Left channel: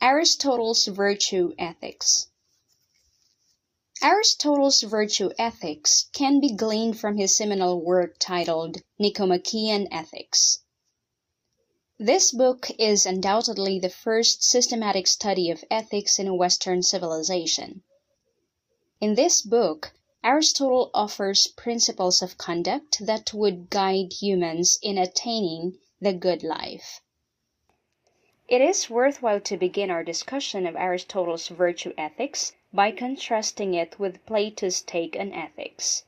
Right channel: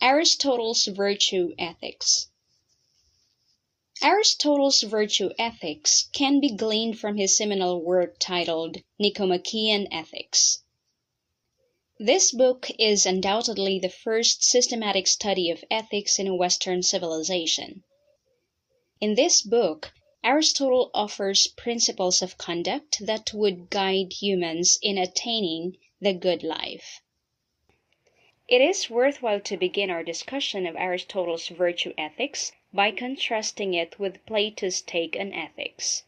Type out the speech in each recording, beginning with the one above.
Aristotle's Virtue Ethics. Aristotle's virtue ethics can be gleaned from his seminal work titled Nicomachean Ethics. This book is undoubtedly the first systematic study of ethics in Western civilization. In this book, Aristotle offers principles of conduct that would guide humans in attaining the good life. It is worthwhile to begin our discussion of Aristotle's virtue ethics by contrasting it with Plato's take on ethics.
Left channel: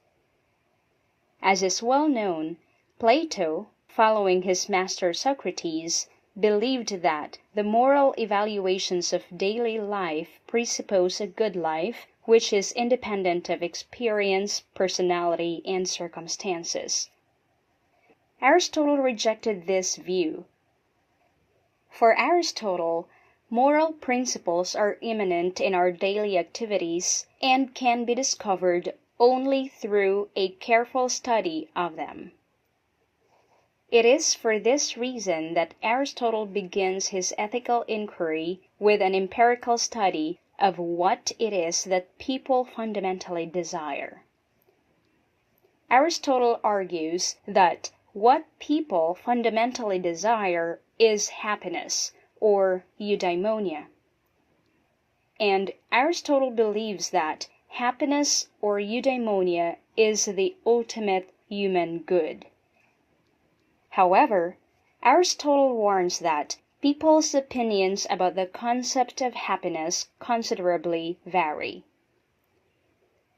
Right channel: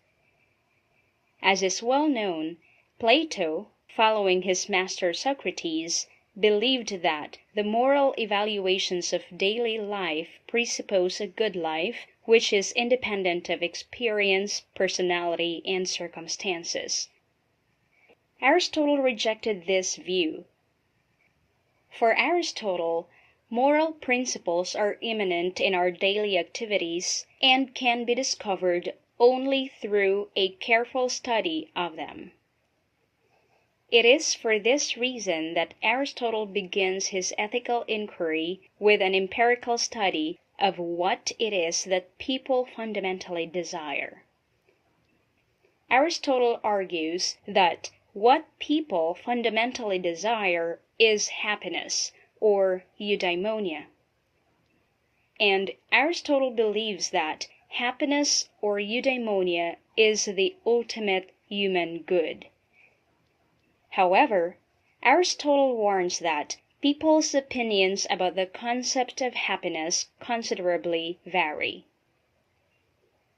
As is well known, Plato, following his master Socrates, believed that the moral evaluations of daily life presuppose a good life which is independent of experience, personality, and circumstances. Aristotle rejected this view. For Aristotle, moral principles are immanent in our daily activities and can be discovered only through a careful study of them. It is for this reason that Aristotle begins his ethical inquiry with an empirical study of what it is that people fundamentally desire. Aristotle argues that what people fundamentally desire is happiness, or eudaimonia. And Aristotle believes that happiness or eudaimonia is the ultimate human good. However, Aristotle warns that people's opinions about the concept of happiness considerably vary.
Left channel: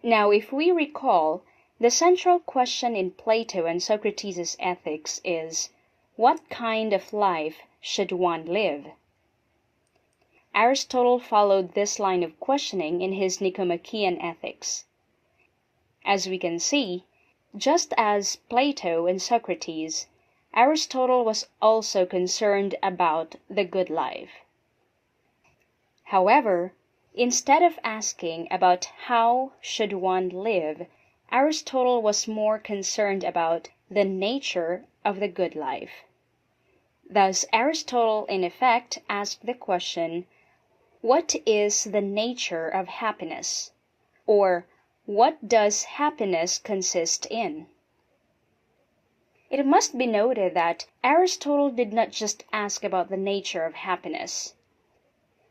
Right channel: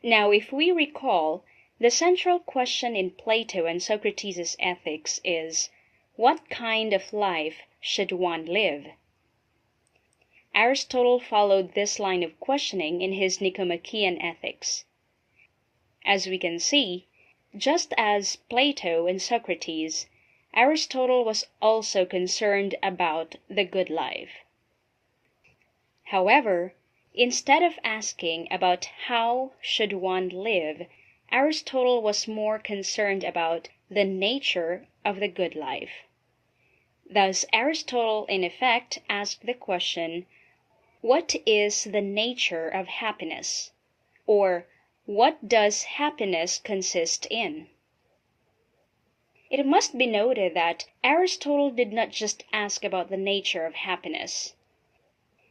Now, if we recall, the central question in Plato and Socrates' ethics is, what kind of life should one live? Aristotle followed this line of questioning in his Nicomachean Ethics. As we can see, just as Plato and Socrates, Aristotle was also concerned about the good life. However, instead of asking about how should one live, Aristotle was more concerned about the nature of the good life. Thus, Aristotle in effect asked the question, what is the nature of happiness? Or, what does happiness consist in? It must be noted that Aristotle did not just ask about the nature of happiness.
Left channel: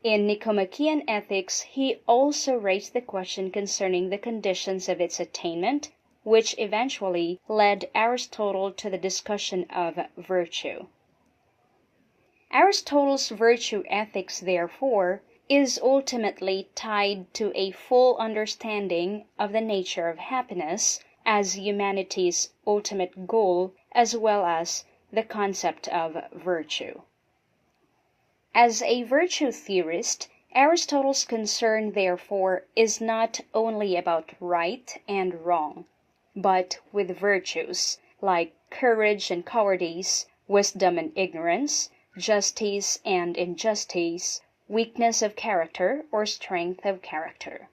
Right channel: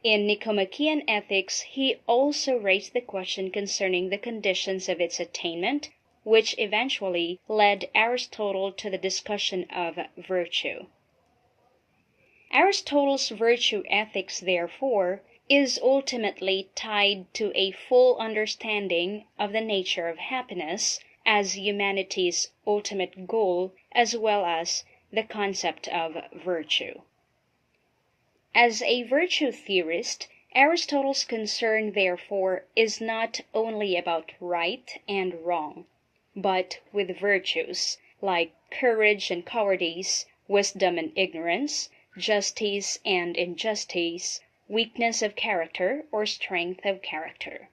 In Nicomachean Ethics, he also raised the question concerning the conditions of its attainment, which eventually led Aristotle to the discussion of virtue. Aristotle's virtue ethics, therefore, is ultimately tied to a full understanding of the nature of happiness as humanity's ultimate goal, as well as the concept of virtue. As a virtue theorist, Aristotle's concern, therefore, is not only about right and wrong, but with virtues like courage and cowardice, wisdom and ignorance, justice and injustice, weakness of character or strength of character.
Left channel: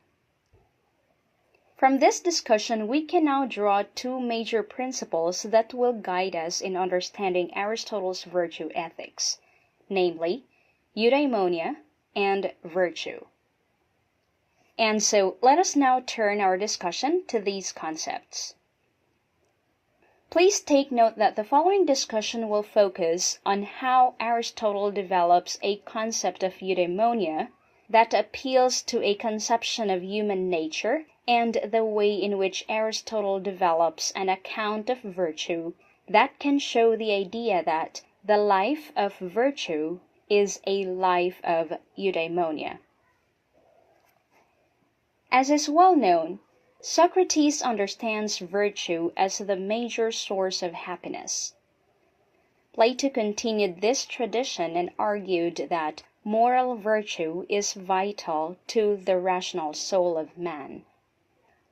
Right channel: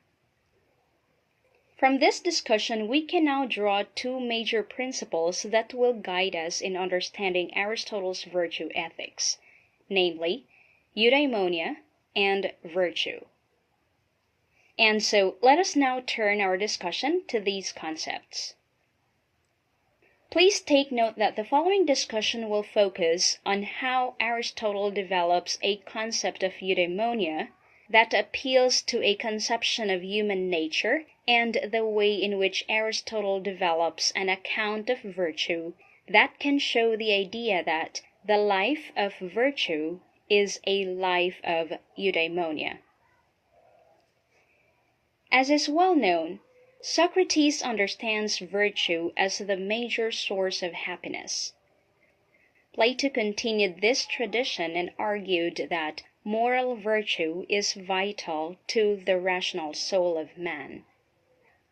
From this discussion, we can now draw two major principles that will guide us in understanding Aristotle's virtue ethics, namely, eudaimonia and virtue. And so, let us now turn our discussion to these concepts. Please take note that the following discussion will focus on how Aristotle develops a concept of eudaimonia that appeals to a conception of human nature and the way in which Aristotle develops an account of virtue that can show the idea that the life of virtue is a life of eudaimonia. As is well known, Socrates understands virtue as the major source of happiness. Plato continued this tradition and argued that moral virtue is vital to the rational soul of man.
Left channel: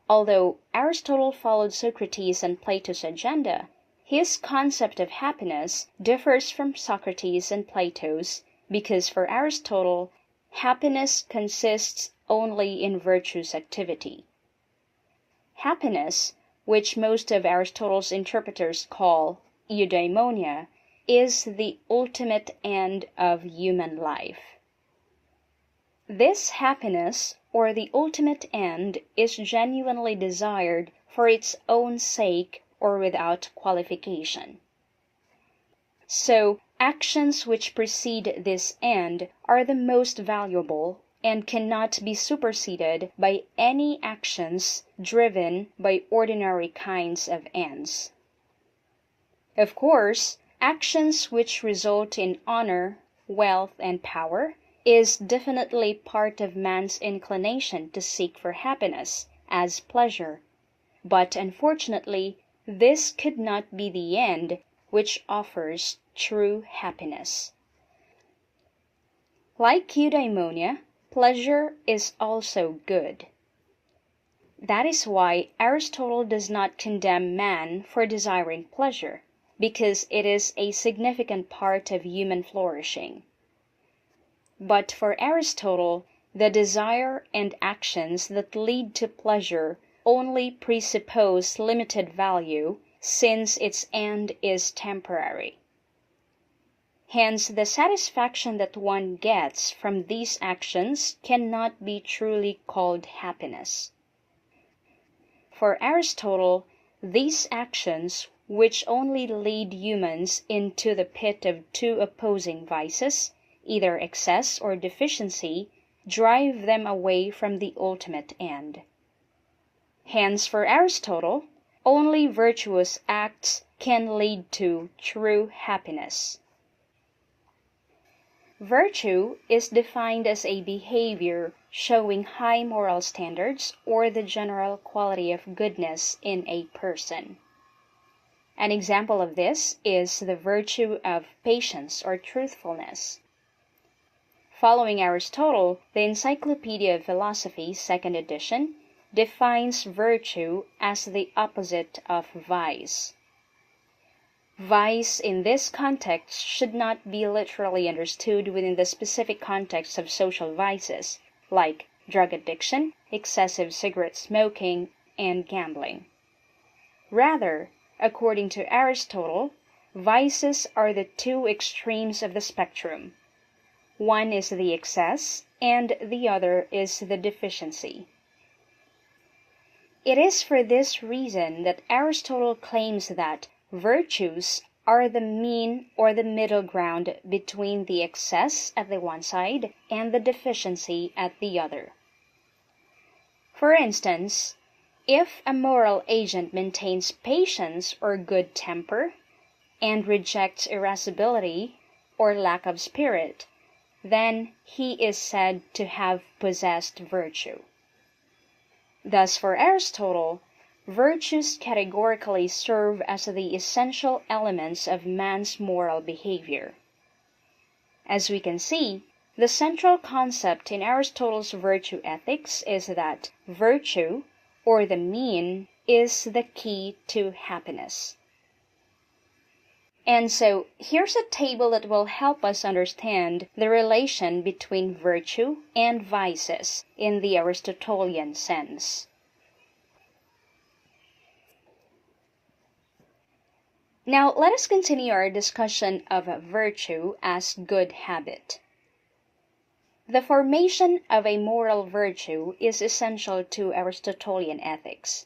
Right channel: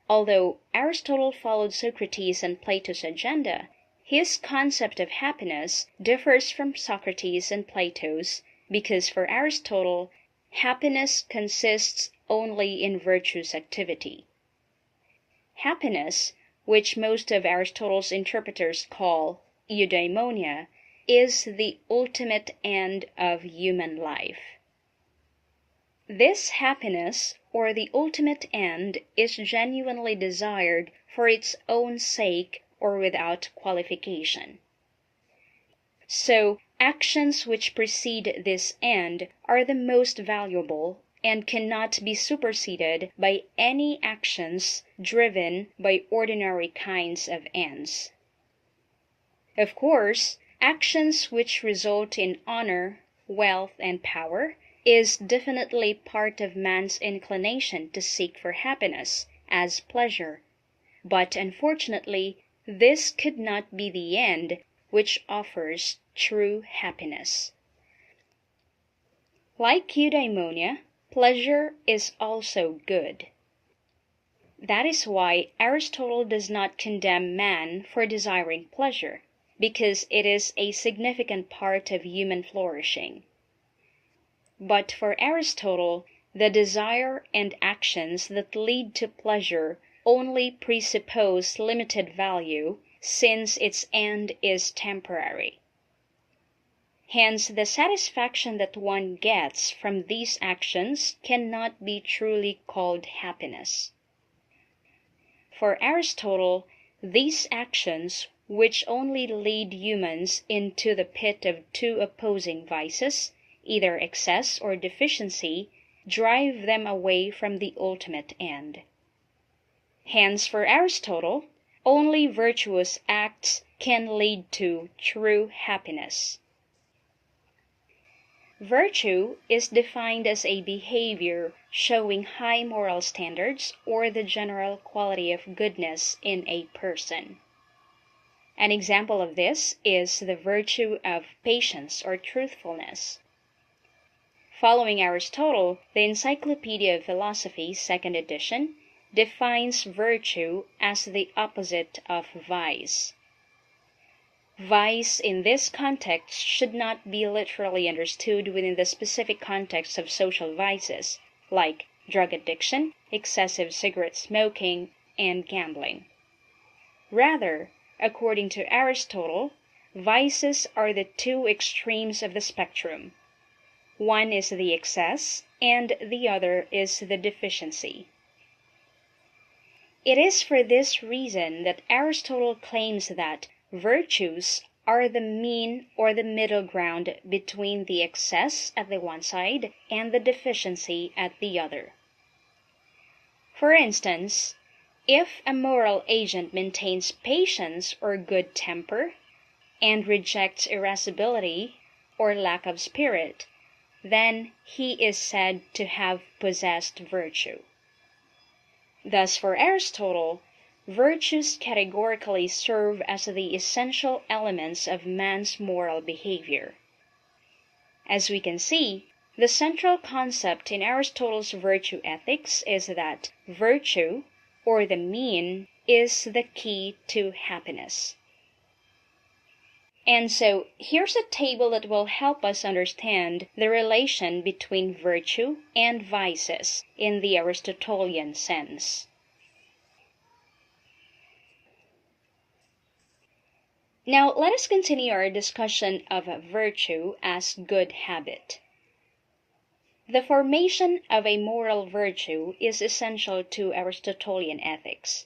Although Aristotle followed Socrates and Plato's agenda, his concept of happiness differs from Socrates and Plato's because for Aristotle, happiness consists only in virtue's activity. Happiness, which most of Aristotle's interpreters call eudaimonia, is the ultimate end of human life. This happiness, or the ultimate end, is genuinely desired for its own sake or without qualification. So, actions which precede this end are the most valuable and cannot be superseded by any actions driven by ordinary kinds of ends. Of course, actions which result in honor, wealth, and power is definitely part of man's inclination to seek for happiness as pleasure, but unfortunately, this could not be the end which offers true happiness. Like eudaimonia, pleasure is also good. That is why Aristotle does not condemn man for desiring pleasure, because it is a significant part of human flourishing. But for Aristotle, the desire and actions that lead to pleasure only presuppose limited value, since its end is temporary. Hence, the satisfaction that one gets from these actions cannot be truly called happiness. For Aristotle, these actions, which only lead humans into the pit of two opposing vices, either excess or deficiency, drive them away from the ultimate end. Hence, for Aristotle, only virtuous acts can lead to true happiness. Virtue is defined as a behavior showing high moral standards or the general quality of goodness in a person. An example of this is the virtue of patience or truthfulness. Following Aristotle, the Encyclopedia of Philosophy, 2nd edition, defines virtue as the opposite of vice. Vice in this context should not be literally understood within the specific context of social vices, like drug addiction, excessive cigarette smoking, and gambling. Rather, according to Aristotle, vices are the two extremes of the spectrum. One is the excess, and the other is the deficiency. It is for this reason that Aristotle claims that virtues are the mean or the middle ground between the excess at the one side and the deficiency at the other. For instance, if a moral agent maintains patience or good temper, and rejects irascibility or lack of spirit, then he is said to have possessed virtue. Thus, for Aristotle, virtues categorically serve as the essential elements of man's moral behavior. As we can see, the central concept in Aristotle's virtue ethics is that virtue, or the mean, is the key to happiness. And so, here's a table that will help us understand the relation between virtue and vices in the Aristotelian sense. Now, let us continue our discussion of virtue as good habit. The formation of a moral virtue is essential to Aristotelian ethics.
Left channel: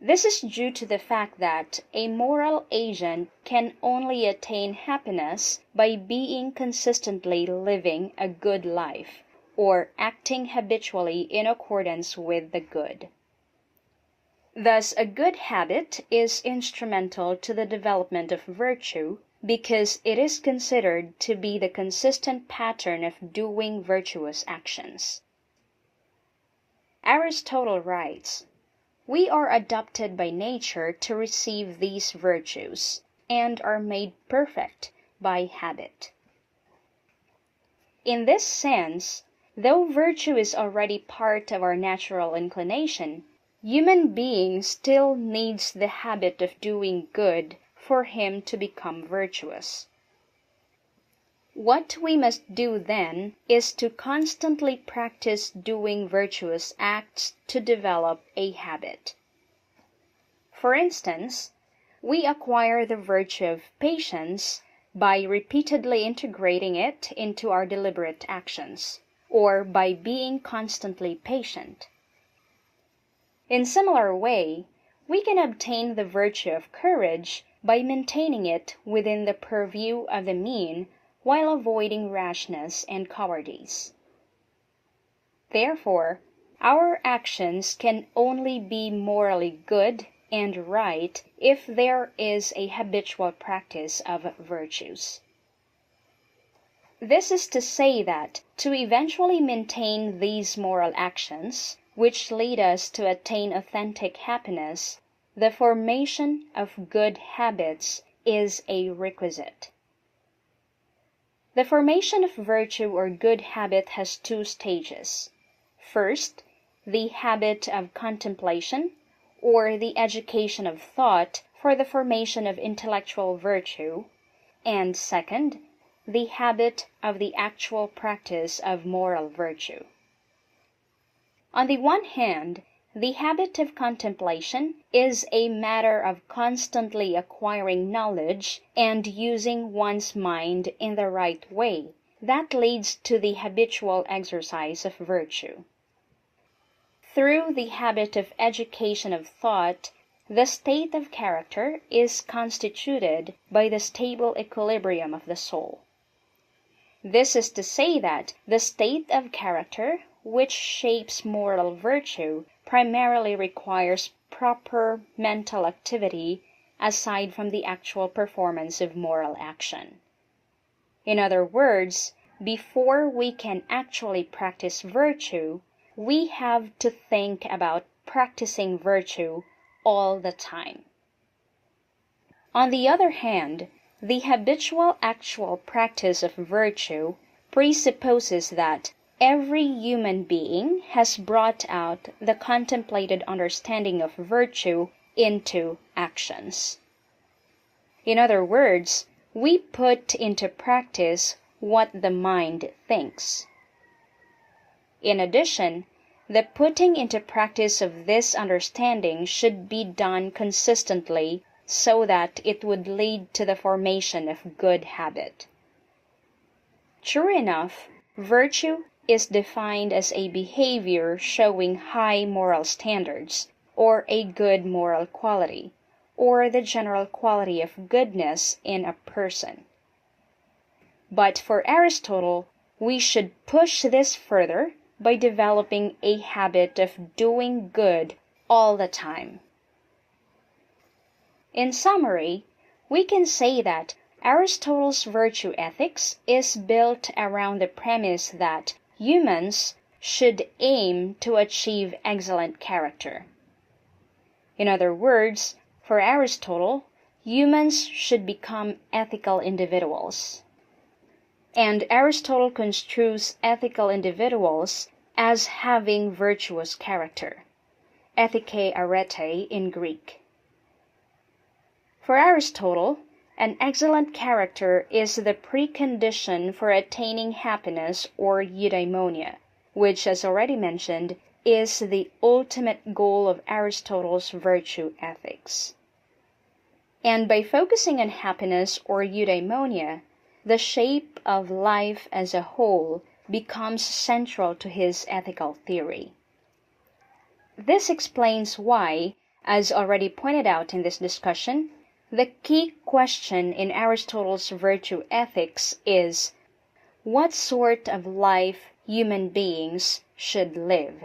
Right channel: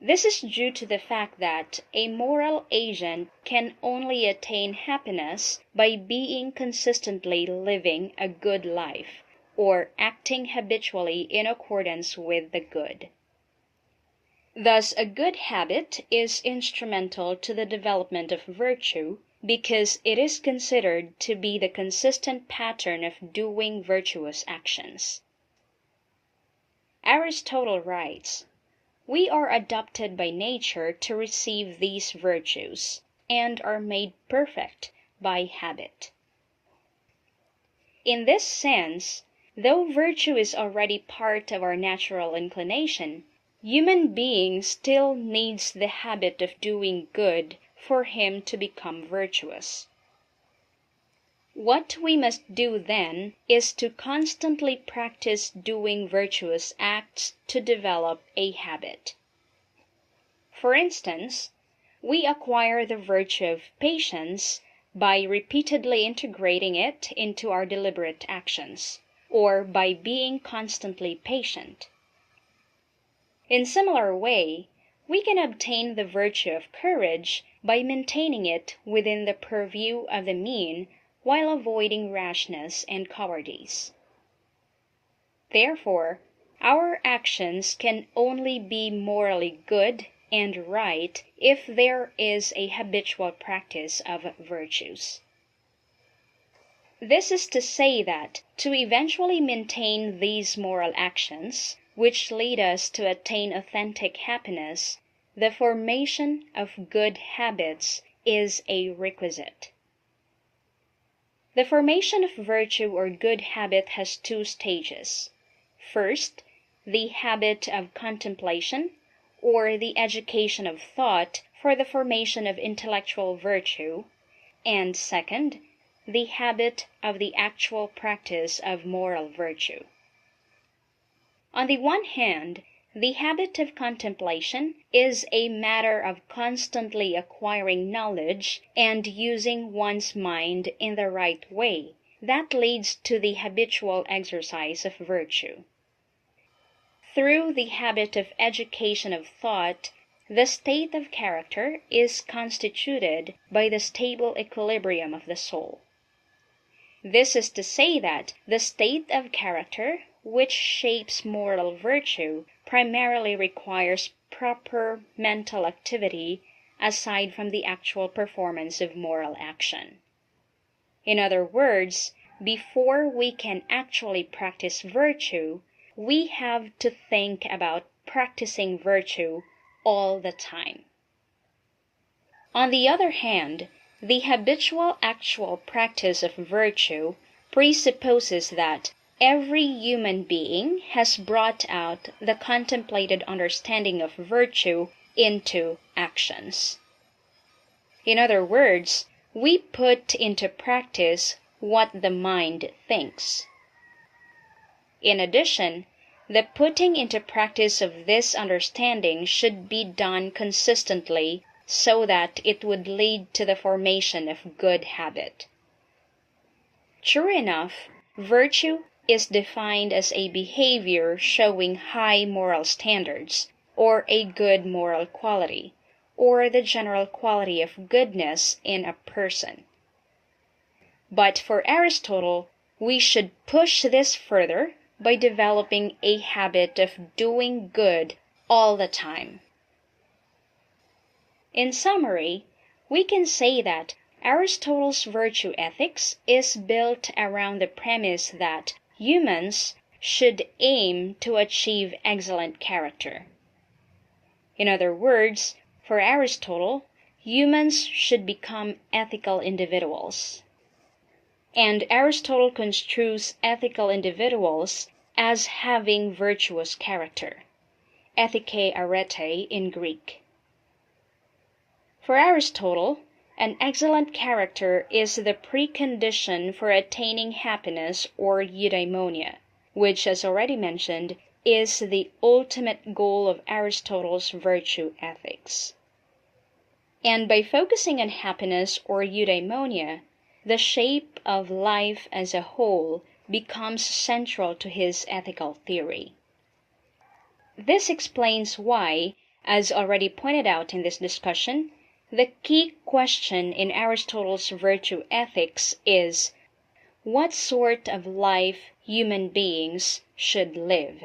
This is due to the fact that a moral agent can only attain happiness by being consistently living a good life, or acting habitually in accordance with the good. Thus, a good habit is instrumental to the development of virtue because it is considered to be the consistent pattern of doing virtuous actions. Aristotle writes, "We are adopted by nature to receive these virtues, and are made perfect by habit." In this sense, though virtue is already part of our natural inclination, human being still needs the habit of doing good for him to become virtuous. What we must do then is to constantly practice doing virtuous acts to develop a habit. For instance, we acquire the virtue of patience by repeatedly integrating it into our deliberate actions, or by being constantly patient. In similar way, we can obtain the virtue of courage by maintaining it within the purview of the mean while avoiding rashness and cowardice. Therefore, our actions can only be morally good and right if there is a habitual practice of virtues. This is to say that to eventually maintain these moral actions, which lead us to attain authentic happiness, the formation of good habits is a requisite. The formation of virtue or good habit has two stages. First, the habit of contemplation, or the education of thought for the formation of intellectual virtue, and second, the habit of the actual practice of moral virtue. On the one hand, the habit of contemplation is a matter of constantly acquiring knowledge and using one's mind in the right way that leads to the habitual exercise of virtue. Through the habit of education of thought, the state of character is constituted by the stable equilibrium of the soul. This is to say that the state of character which shapes moral virtue primarily requires proper mental activity aside from the actual performance of moral action. In other words, before we can actually practice virtue, we have to think about practicing virtue all the time. On the other hand, the habitual actual practice of virtue presupposes that every human being has brought out the contemplated understanding of virtue into actions. In other words, we put into practice what the mind thinks. In addition, the putting into practice of this understanding should be done consistently so that it would lead to the formation of good habit. True enough, virtue is defined as a behavior showing high moral standards, or a good moral quality, or the general quality of goodness in a person. But for Aristotle, we should push this further by developing a habit of doing good all the time. In summary, we can say that Aristotle's virtue ethics is built around the premise that humans should aim to achieve excellent character. In other words, for Aristotle, humans should become ethical individuals. And Aristotle construes ethical individuals as having virtuous character, ethike arete in Greek. For Aristotle, an excellent character is the precondition for attaining happiness or eudaimonia, which, as already mentioned, is the ultimate goal of Aristotle's virtue ethics. And by focusing on happiness or eudaimonia, the shape of life as a whole becomes central to his ethical theory. This explains why, as already pointed out in this discussion, the key question in Aristotle's virtue ethics is, what sort of life human beings should live?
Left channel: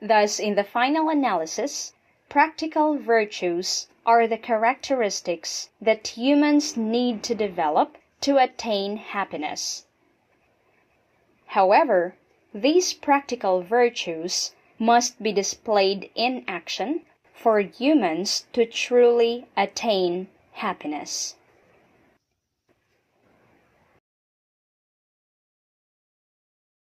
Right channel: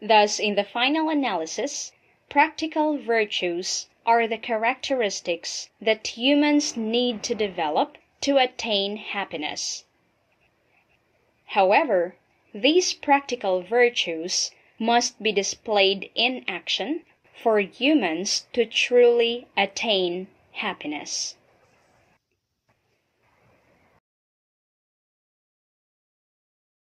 Thus, in the final analysis, practical virtues are the characteristics that humans need to develop to attain happiness. However, these practical virtues must be displayed in action for humans to truly attain happiness.